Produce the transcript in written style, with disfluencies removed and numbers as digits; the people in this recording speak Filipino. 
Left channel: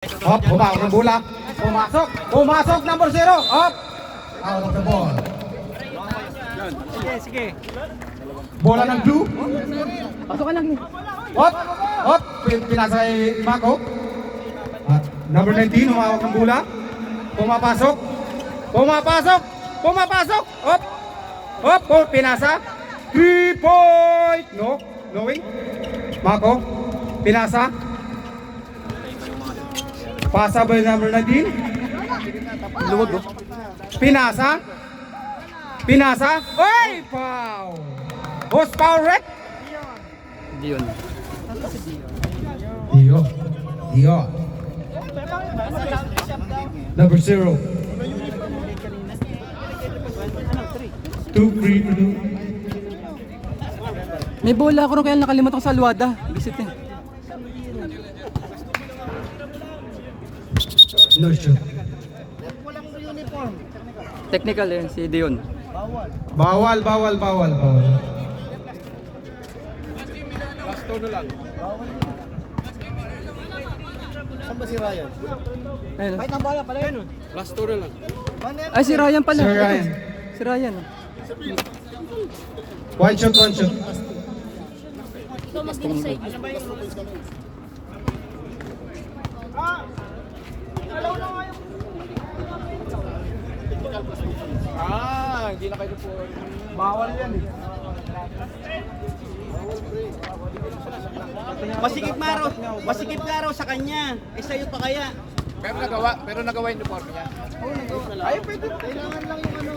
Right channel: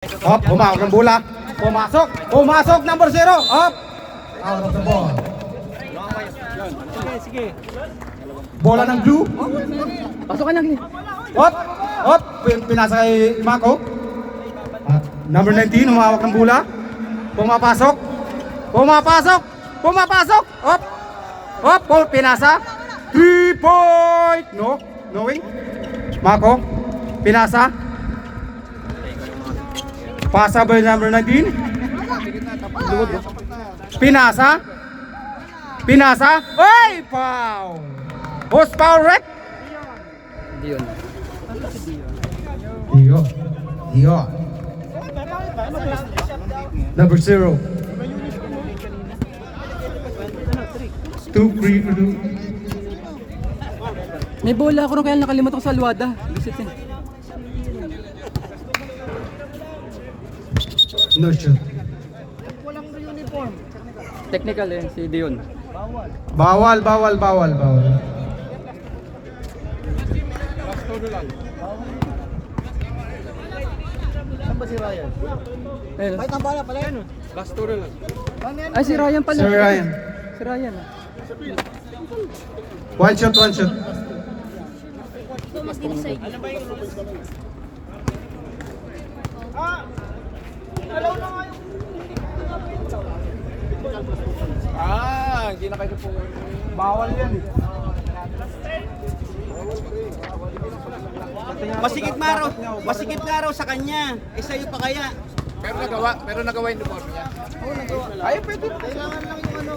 Hop, humawak ng bola. Pumasok. Pumasok, number 0. Hop. Out of the ball. Sige, sige. Bola ng blue. Pasok ka lang. Hop. Hop. Pinasa kay Mako. Number 19, humawak ng bola. Pumapasok. Pumapasok. Pumapasok. Hop. Hop. Oh, pinasa. 3 point. No. No win. Mako. Pinasa. Pasa by number 19. Pinasa. Pinasa. Ay! Foul! Horsepower wreck. Dion. Dio. Dio. Number 0. 2 free to do. May bola ako rin kaya nakalimutan ko sa Alwada. Isitin. Merchant. Technical eh, si Dion. Bawal, bawal, bawal, bawal. Saan ba si Ryan? Ayun. Kahit ang bala pala yan. Last tour lang. Ay, si Ryan pala. Sir Ryan. Si Ryan. One shot, one shot. Hindi na kayo po. Bawal yan eh. Masikip nga raw sa kanya. Eh sa'yo pa kaya? Pero nagawa yung uniform niya. Oo, nagawa. Ay, pwede. Kailangan lang yung ano.